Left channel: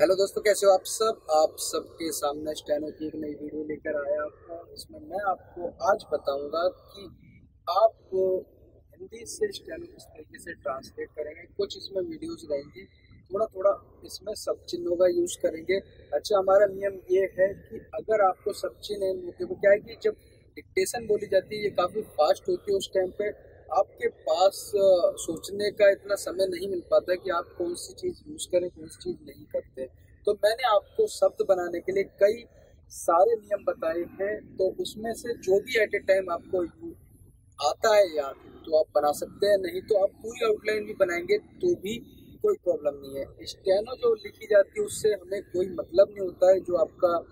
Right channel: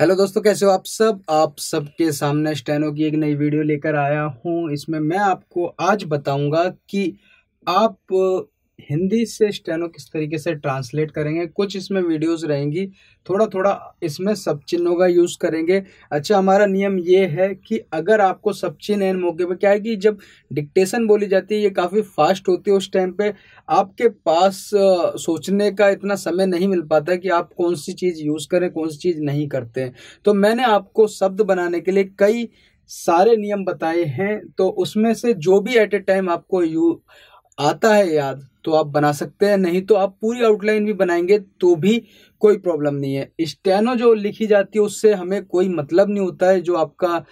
Hello दोस्तों, कैसे हो आप सबके सामने स्टेनो की एक नई वीडियो लेकर आया हूँ। इसमें मैं आपको आज बताऊंगा कि आप हिंदी से स्टेनो किस तरीके से ट्रांसलेट करेंगे। कुछ इसमें वीडियोस रहेंगी, थोड़ा थोड़ा इसमें सब चिन्हों का यूज़ करेंगे। अच्छा, हमारा नियम ये है कि अगर आपको सब चिन्ह एन मौके पे, क्या है कि जब डिक्टेशन बोली जाती है ये काफ़ी फास्ट होती है, उस टाइम पे आपके पास सोचने का इतना समय नहीं मिल पाता कि आप कौन सी चीज़ यूज़ करें, कौन सी चीज़ नहीं करते हैं। तो मैंने आपको शब्द बनाने के लिए कई सारे नियम बताए हैं, तो उसमें से जो भी एट ए टाइम आपको यू आता है याद तो आप बना सकते हैं, नहीं तो आप पूरी आउटलाइन भी बनाएंगे तो भी कोई प्रॉब्लम नहीं है। स्टेनो जो लिखी जाती है उससे हमें कोई मतलब नहीं होता है, जो आपका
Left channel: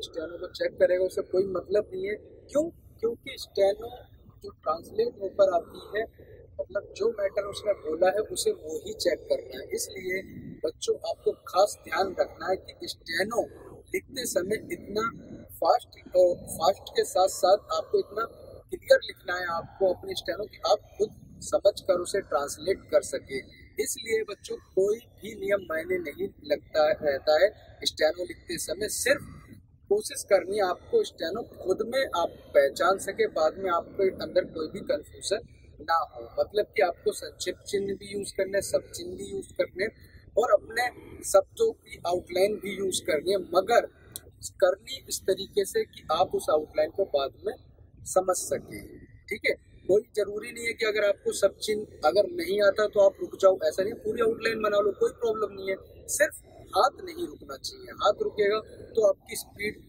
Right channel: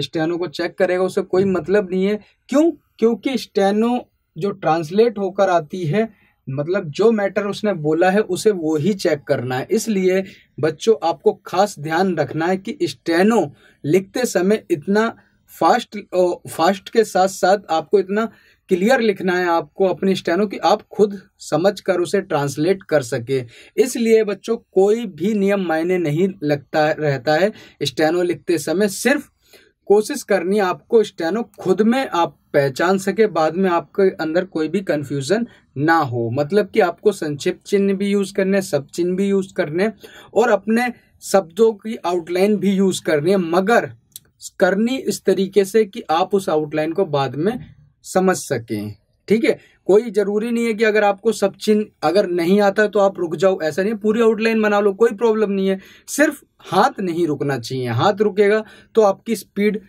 स्टेनो को चेक करेगा उससे कोई मतलब नहीं है। क्यों? क्योंकि स्टेनो जो ट्रांसलेट होकर आती है, मतलब जो मैटर उसने बोला है उसे वो ही चेक करना है। इसलिए बच्चों, आपको खास ध्यान रखना है कि स्टेनो लिखते समय इतना फास्ट के साथ साथ आपको इतना क्लियर लिखना है आपको अपनी स्टेनो की आप खुद समझ कर उसे ट्रांसलेट कर सके। इसलिए बच्चों, कोई भी नियम मायने नहीं लगता रहता है स्टेनो लिखते समय। सिर्फ कोशिश करनी है आपको स्टेनो खुद में आप पहचान सके, बाद में आपके अंदर कोई भी कंफ्यूजन ना हो। मतलब कि आपको संक्षिप्त चिन्ह भी यूज करने, सब चिन्ह भी यूज करने और अपने शब्दों की आउटलाइन भी यूज करनी है, मगर करनी इस तरीके से कि आप उस आउटलाइन को बाद में समझ सकें। ठीक है? कोई जरूरी नहीं है कि अगर आपको सब चिन्ह अगर नहीं आता तो आप रुक जाओ, ऐसा नहीं है। पूरी आउटलाइन बना लो, कोई प्रॉब्लम नहीं है। सिर्फ हाथ नहीं रुकना चाहिए। हाथ रुकेगा तो आपकी स्पीड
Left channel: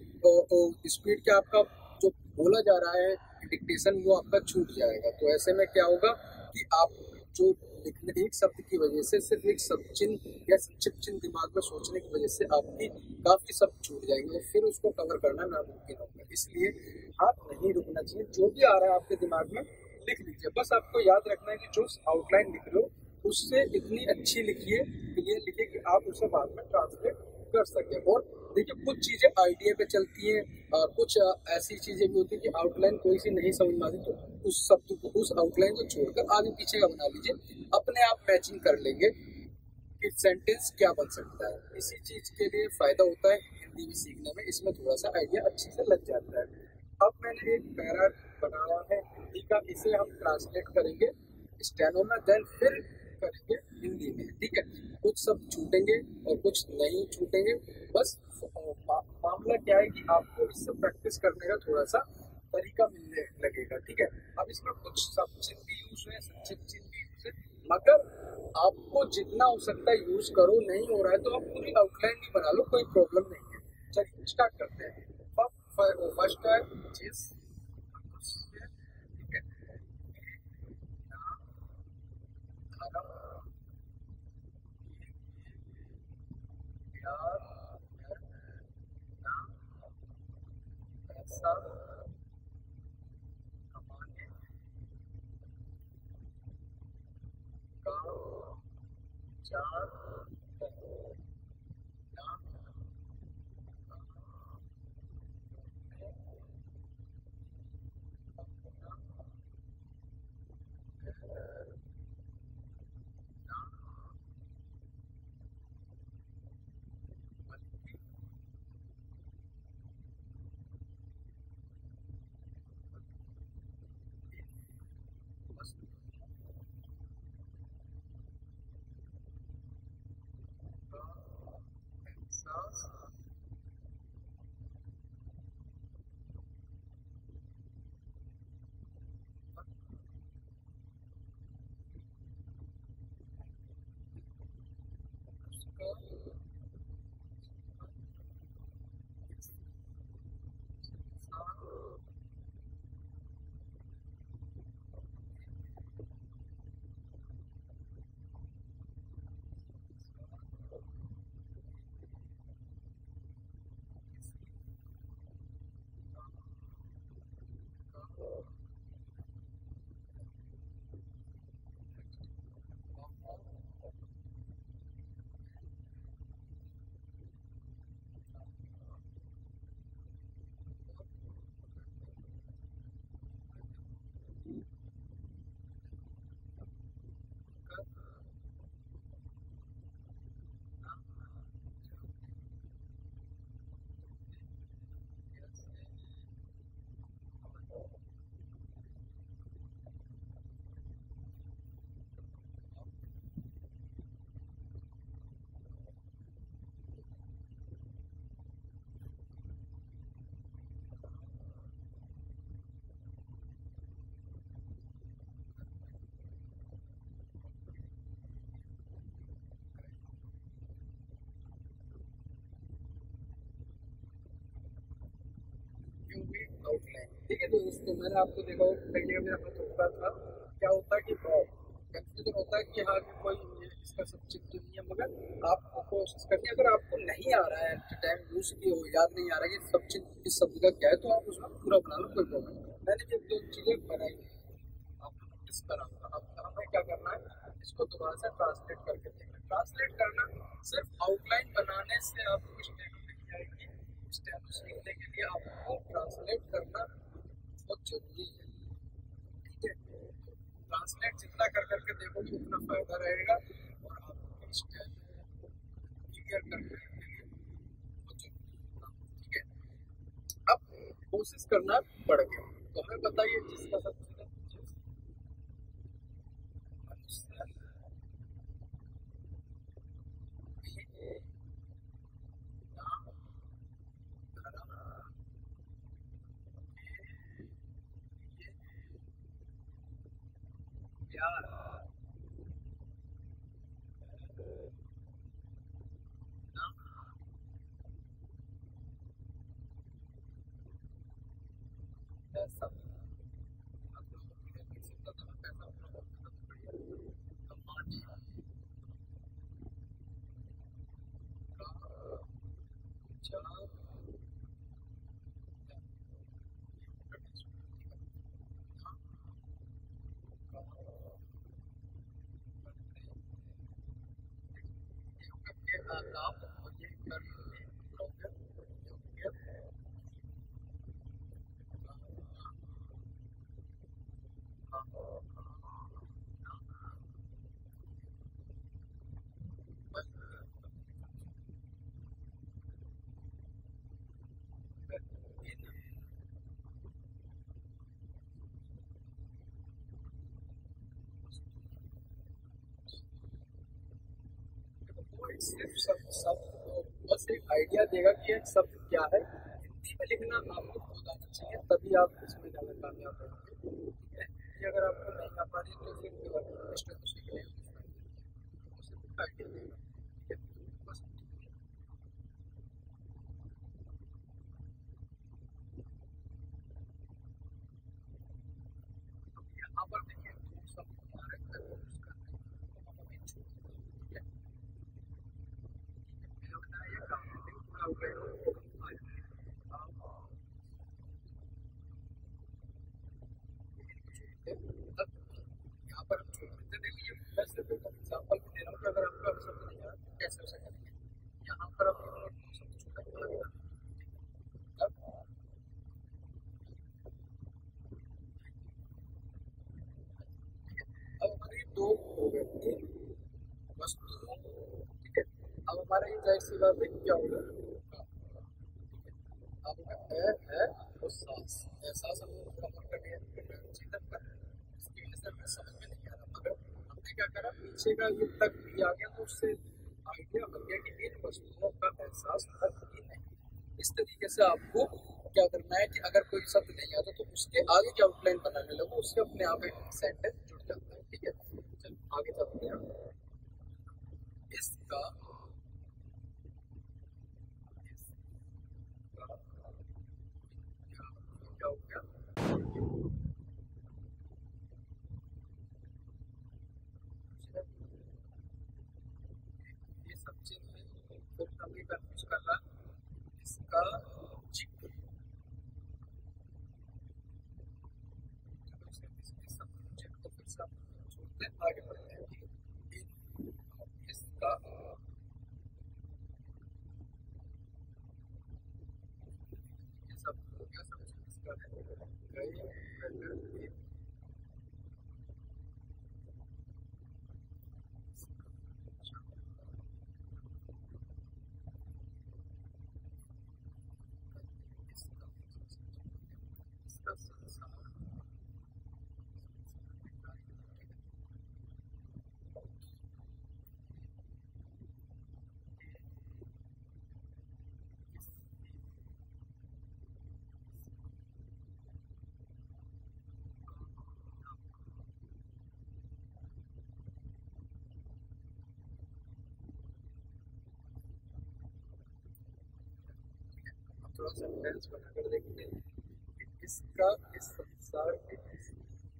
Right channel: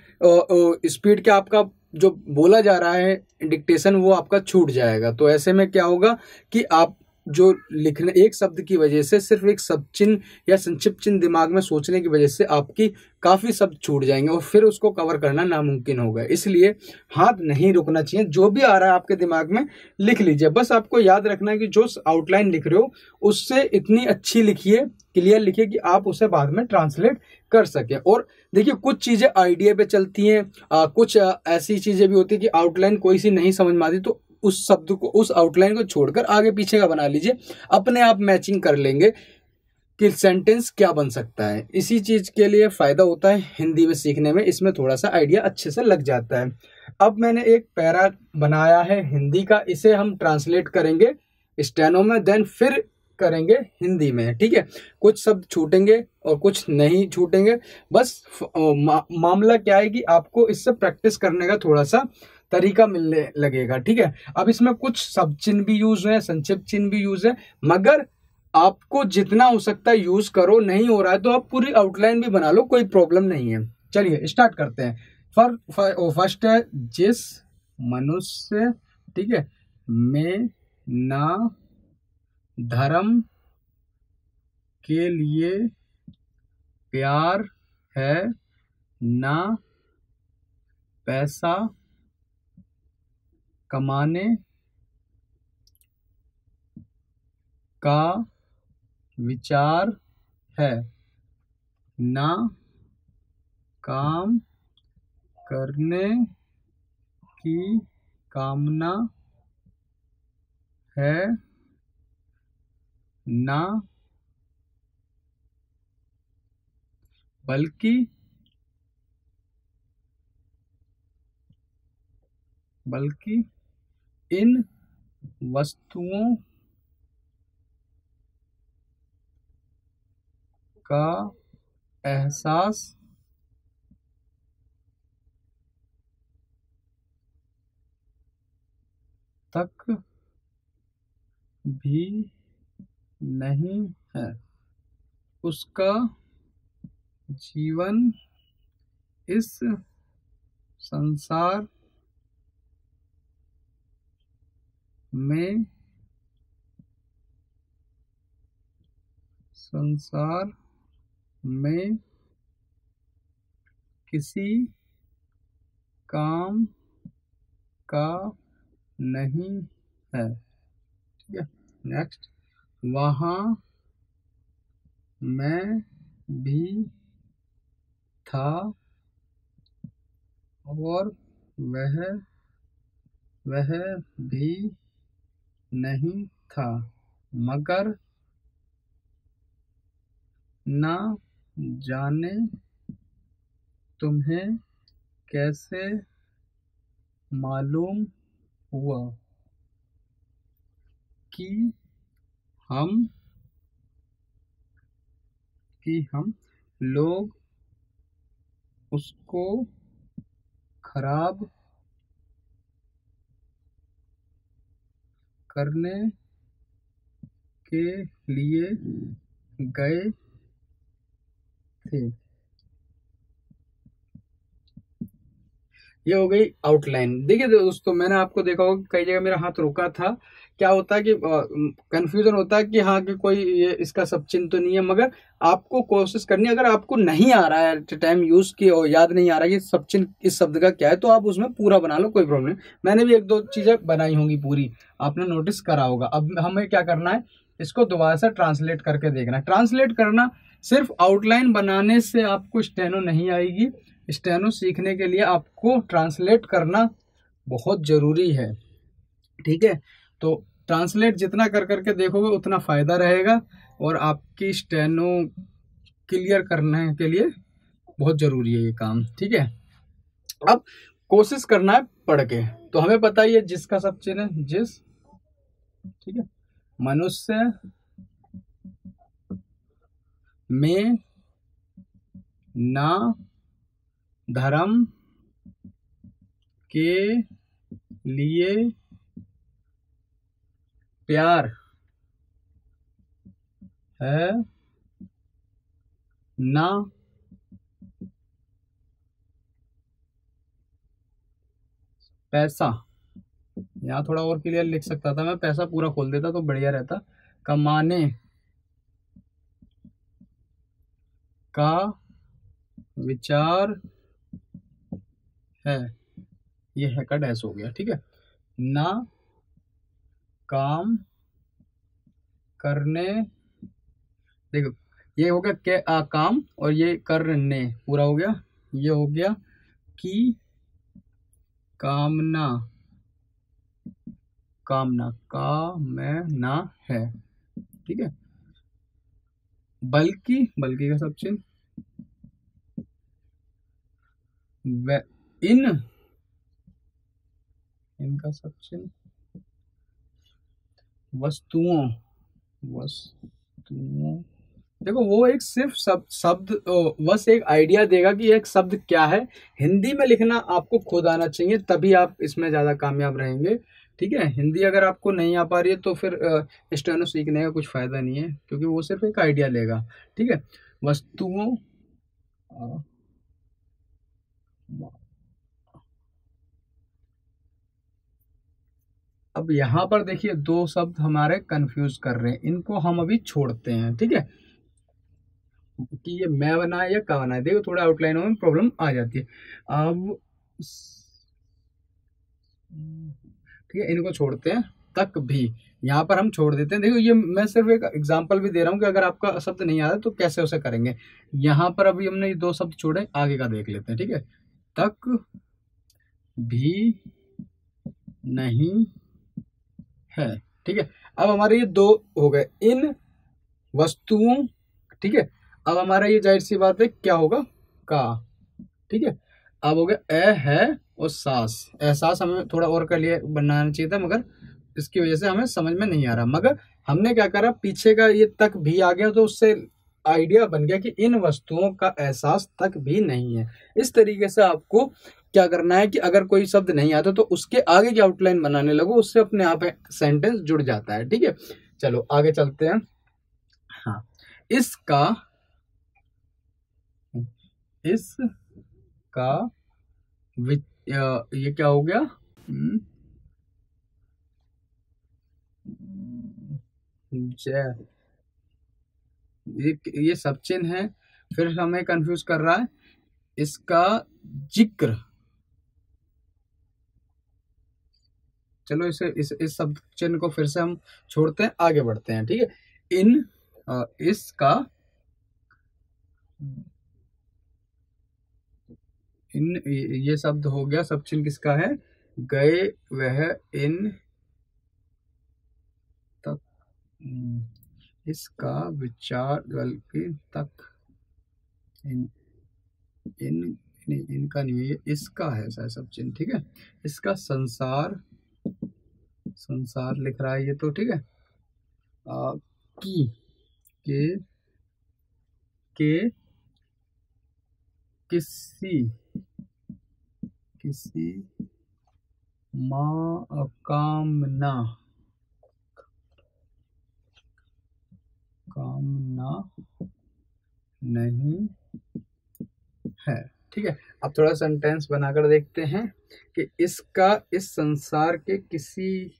क्या, आपका जो बोला जा रहा है डिक्टेशन वो आपका छूट जाएगा। तो ऐसे में क्या होगा कि आप जो लिखने एक शब्द की वजह से, सिर्फ एक शब्द चिन्ह या संक्षिप्त चिन्ह दिमाग में सोचने की वजह से आपकी काफी शब्द छूट जाएंगे और फिर उसको कवर करना नामुमकिन होगा। इसलिए हाथ नहीं रुकना चाहिए। जो भी आ रहा है आपके दिमाग में लिख लीजिए। बस आपको याद रखना है कि जो आउटलाइन लिख रहे हो उससे इतनी अच्छी लिखिए, क्लियर लिखिए कि आप उसे बाद में ट्रांसलेट कर सके। और देखिए, कुछ चीजें आइडिया पे चलती हैं, कुछ ऐसी चीजें भी होती है कि आउटलाइन कोई सी नहीं समझ में आती, तो उस शब्द को, उस आउटलाइन को छोड़कर आगे पीछे का बना लीजिए, अपने आप मैचिंग कर लेंगे कि सेंटेंस क्या बन सकता है। इसी चीज के लिए फायदा होता है हिंदी में सीखने में, इसमें थोड़ा सा आइडिया अच्छे से लग जाता है। अब मैंने एक पैरा बनाया है हिंदी का, इसे हम ट्रांसलेट करेंगे स्टेनो में, देन फिर करेंगे हिंदी में। ठीक है? कुछ शब्द छूटेंगे और कुछ नहीं छूटेंगे। बस मामला क्या है कि आपको इससे प्रैक्टिस करने का थोड़ा सा तरीका मिलने लगेगा। ठीक है? अब इसमें कुछ सब चिन्ह भी यूज है, संक्षिप्त चिन्ह भी यूज है, मगर आपको जितना हो सकता है यूज करो। नहीं हो रहा है तो आप पूरी आउटलाइन भी बना लो, कोई प्रॉब्लम नहीं है। चलिए स्टार्ट करते हैं। फर्स्ट है जिस मनुष्य, ठीक है, में ना धर्म के लिए प्यार है, ना पैसा कमाने का विचार है, ना काम करने की कामना है, ना बल्कि इन वस्तुओं का एहसास तक भी नहीं है। उसका जीवन इस संसार में किसी काम का नहीं है। ठीक है? नेक्स्ट, वहाँ मैं भी था और वह भी नहीं था, मगर ना जाने तुम्हें कैसे मालूम हुआ कि हम लोग उसको खराब करने के लिए गए थे। ये हो गई आउटलाइन। देखिए दोस्तों, मैंने आपको देखा होगा कई जगह मेरा हाथ रुका था। क्या होता है कि कंफ्यूजन होता है कि हाँ कि कोई ये इसका सब चिन्ह तो नहीं है, मगर आपको कोशिश करनी है। अगर आपको नहीं आ रहा है टाइम यूज की और याद नहीं आ रहा है कि सब चिन्ह इस शब्द का क्या है, तो आप उसमें पूरा बना लो, कोई प्रॉब्लम नहीं। मैंने भी एक दो चीजें बनाई होंगी पूरी, आपने नोटिस करा होगा। अब हमें क्या करना है, इसको दोबारा से ट्रांसलेट करके देखना है। ट्रांसलेट करना, सिर्फ आउटलाइन बनाने से आपको स्टेनो नहीं आएगी। स्टेनो सीखने के लिए आपको ट्रांसलेट करना बहुत ज़रूरी है, ठीक है। तो ट्रांसलेट जितना कर करके देखोगे उतना फ़ायदा रहेगा, और आपकी स्टेनो क्लियर करने के लिए बहुत ज़रूरी है ये काम, ठीक है। अब कोशिश करना है पढ़ के। तो हमें पता ही है जिसका सब चिन्ह है, जिस, ठीक है। मनुष्य में ना धर्म के लिए प्यार है, ना पैसा। यहाँ थोड़ा और क्लियर लिख सकता था मैं, पैसा पूरा खोल देता तो बढ़िया रहता। कमाने का विचार है, ये है का डैश हो गया, ठीक है। ना काम करने, देखो ये हो गया के काम, और ये करने पूरा हो गया। ये हो गया कि कामना, कामना कामना है, ठीक है। बल्कि, बल्कि का सब चिन्ह, इनका सब चिन्ह, वस्तुओं, देखो वो एक सिर्फ शब्द बस एक आइडिया देगा कि एक शब्द क्या है। हिंदी में लिखना आपको खुद आना चाहिए, तभी आप इसमें ज़्यादा कामयाब रहेंगे, ठीक है। हिंदी अगर आपको नहीं आ पा रही है तो फिर स्टेनो सीखने का कुछ फ़ायदा नहीं है, क्योंकि वो सिर्फ एक आइडिया लेगा, ठीक है। वस्तुओं, अब यहाँ पर देखिए दो शब्द हमारे कंफ्यूज कर रहे हैं, इनको हम अभी छोड़ते हैं, ठीक है। कि ये मैं बना है या का बना है, देखो थोड़ा आउटलाइनों में प्रॉब्लम आ जाती है। अब ठीक है, इनको छोड़ते हैं। तक भी यहाँ पर हम छोड़ देते हैं। देखो ये मैं सिर्फ एक एग्जांपल भी दे रहा हूँ कि अगर आपका शब्द नहीं आ रहा तो कैसे उसे करेंगे। यहाँ पर अभी हमने ये दो शब्द छोड़े, आगे का देख लेते हैं, ठीक है। तक भी नहीं है, ठीक है। अब हमारे ये दो हो गए, इन वस्तुओं, ठीक है। अब हमारा ये जाहिर सी बात है क्या होगा, का, ठीक है। अब हो गया ए है और सास। एहसास हमें थोड़ा और का लिए बनाना चाहिए था, मगर इसकी वजह से हमें समझ में नहीं आ रहा। मगर हमने क्या करा, पीछे का ये तक भी आ गया तो उससे आइडिया बन गया कि इन वस्तुओं का एहसास तक भी नहीं है। इस तरीके से आपको क्या करना है कि अगर कोई शब्द नहीं आता तो उसके आगे की आउटलाइन बनाने लगो, उससे अपने आप सेंटेंस जुड़ जाता है, ठीक है। चलो आगे चलते हैं। हाँ, इसका ये क्या हो गया, जय, ये सब चिन्ह है, फिर हमें कंफ्यूज कर रहा है। इसका जिक्र, चलो इस शब्द चिन्ह को फिर से हम छोड़ते हैं, आगे बढ़ते हैं, ठीक है। इसका ये शब्द हो गया, सब चिन्ह किसका है, गए वह इन तक, इसका विचार बल्कि तक, इन इन नहीं, इनका नहीं है, ये इसका है शायद सब चिन्ह, ठीक है। इसका संसार, संसार लिख रहा है ये तो, ठीक है। की, के किसी कामना नहीं है, ठीक है। अब थोड़ा सेंटेंस बनाकर देखते हैं कि इसका इस संसार के किसी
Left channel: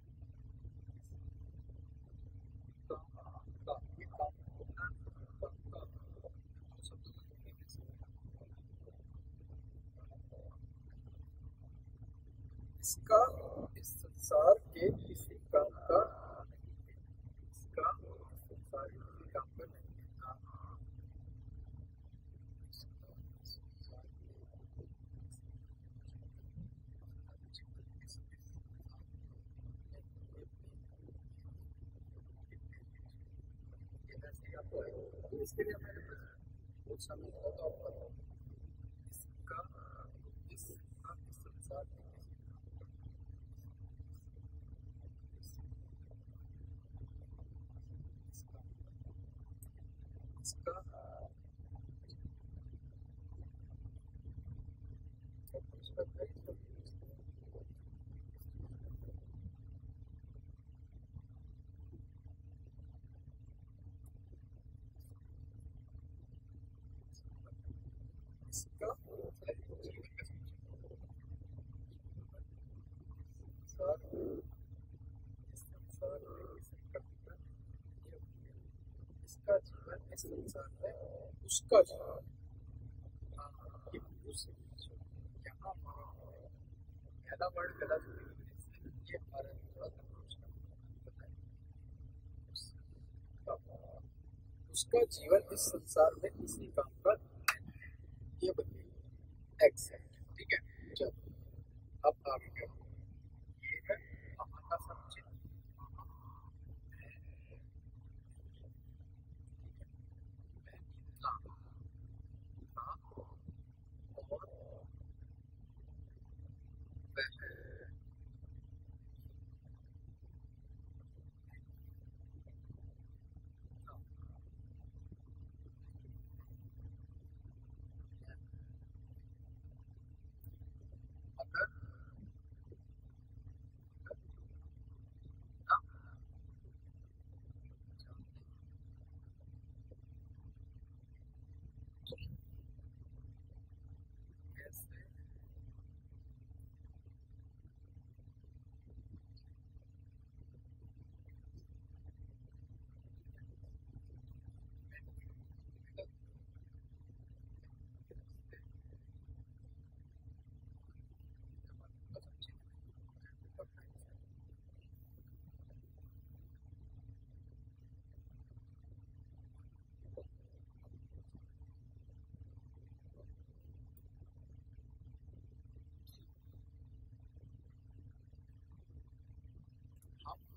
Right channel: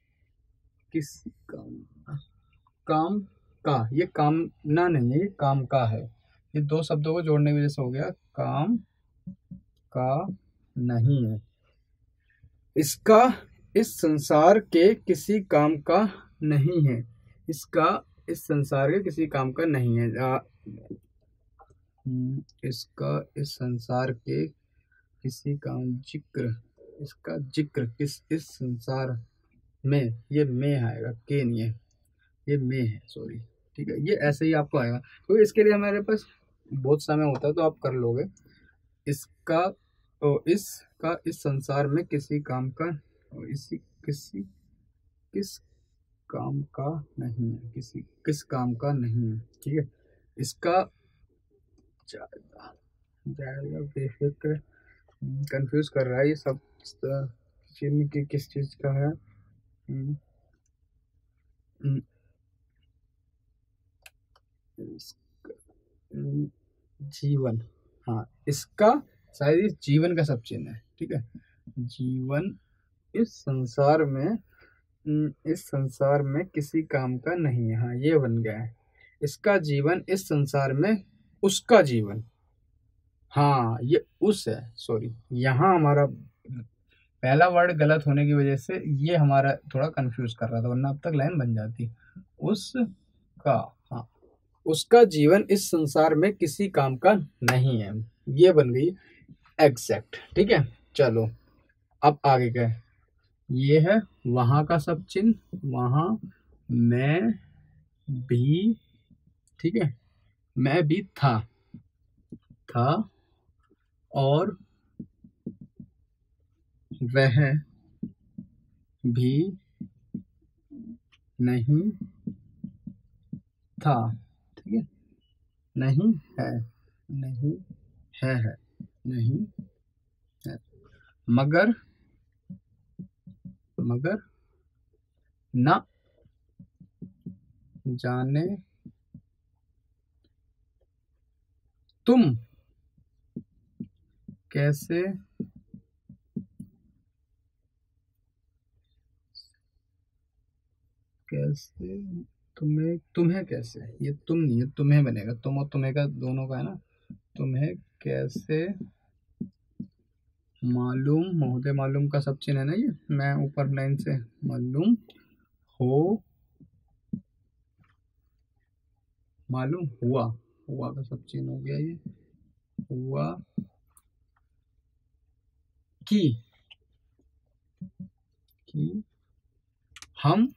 काम का, ये कामना नहीं है, ये काम का है। ये दो शब्दों को जोड़ने की वजह से हो गया, काम का नहीं है। इसका इस संसार के किसी काम का नहीं है। इसका इस संसार के किसी काम का नहीं है। इसका इस संसार के किसी काम, जिक्र, इसका जिक्र किस इस संसार में, ये में आएगा, के नहीं है, ये में है, सॉरी, ठीक है। ये ऐसे ही आपको आएगा, तो इसके लिए हमारे पास बहुत समय होता है तो आप कर लोगे। इसका इसका इस संसार में किसी काम का, किस काम का नहीं है, किस काम का नहीं है, ठीक है। इसका जाएगा बेफिक्र, कंफ्यूज कर रहा है ये सब चिन्ह की किस चीज का है। जीवन, हाँ, इसका शायद इस जीवन का सब चिन्ह है, ठीक है। जीवन इस संसार में किसी काम का नहीं है, हाँ ये बन गया है। इसका जीवन इस संसार में उसका जीवन, हाँ ये उस है, सॉरी, यहाँ हमारा पहला वर्ड गलत होने की वजह से ये हमारा थोड़ा कंफ्यूज कर रहा था, वरना अब तक लाइन बन जाती। उसका, हाँ, उसका जीवन इस संसार में किसी काम का नहीं है, ये बन गई एग्जैक्ट, ठीक है। चलो अब आगे क्या है, ये है वहां का सब चिन्ह, वहां मैं भी, ठीक है, मैं भी था और वह भी नहीं था, ठीक है। नहीं है, नहीं है, नहीं है, मगर न जाने तुम कैसे तुम्हें कैसे, ये तुम नहीं है, तुम्हें बनेगा, तुम और तुम्हें का दोनों का है ना। तुम्हें कैसे मालूम, महोदय मालूम का सब चिन्ह है ना, ये मैं ऊपर लाइन से मालूम हुआ का सब चिन्ह हो गया, ये हुआ कि हम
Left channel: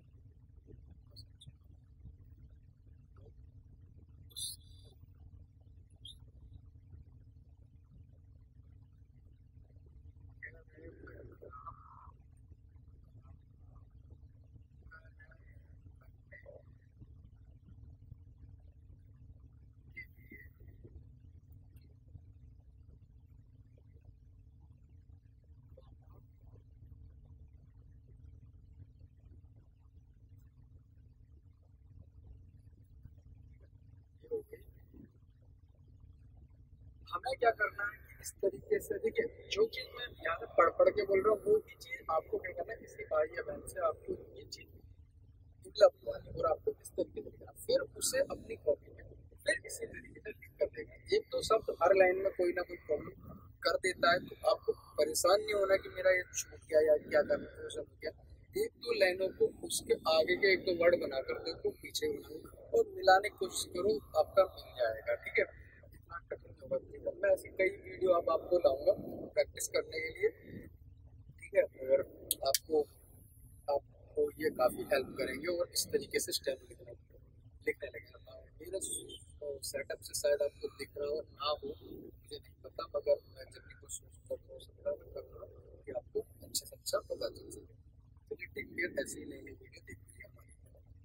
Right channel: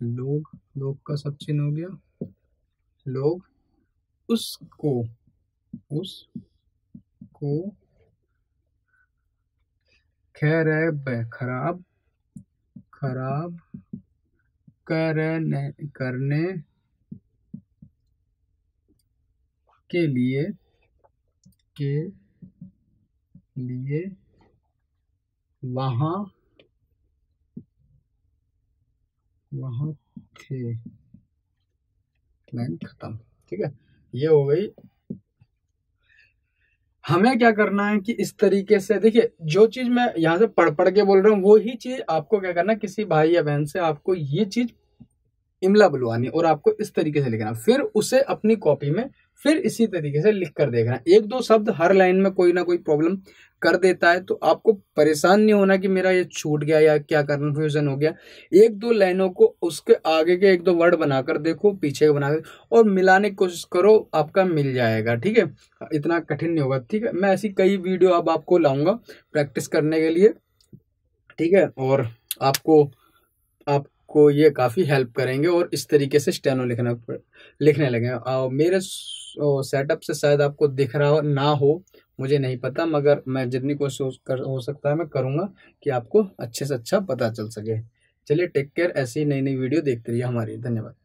लोग का सब चिन्ह हो गया, लोग उसको खराब करने के लिए वहाँ थे, लाइन खत्म, ठीक है। ये हो गई। हमें क्या करना है कि इस तरीके से देखिए, जो चीज मैं यहाँ से पढ़ के बोल रहा हूँ वो ही चीज आपको क्या करना, किसी भाई या बहन से आपको ये चीज इमला बुलवानी और आपको इस तरीके से लिखना, फिर उसे अपनी कॉपी में फिर इसी तरीके से लिख कर देखना। एक दो शब्द हर लाइन में कोई ना कोई प्रॉब्लम कर देता है, तो आपको परेशान नहीं होना कि मेरा ये छूट गया या क्या कन्फ्यूजन हो गया। एक दो लाइनों को उसके आगे के एक दो वर्ड बनाकर देखो, पीछे बनाकर और मिलाने की कोशिश करो, आपका मिल जाएगा, ठीक है। इतना कठिन नहीं होगा, ठीक है। मैं ऐसी कई वीडियो अब आपको लाऊंगा प्रैक्टिस करने के लिए, ठीक है, और आपको ये काफ़ी हेल्प करेंगे और इस तरीके से स्टेनो लिखना लिखने लगे। मेरे सेटअप से शायद आपको दिख रहा ना हो, मुझे नहीं पता, मगर मैं जितनी कोशिश कर हो सकता है मैं करूँगा कि आपको अच्छे से अच्छा पता चल सके। चलिए टेक केयर, ऐसी नई नई वीडियो देखते रहिए हमारी। धन्यवाद।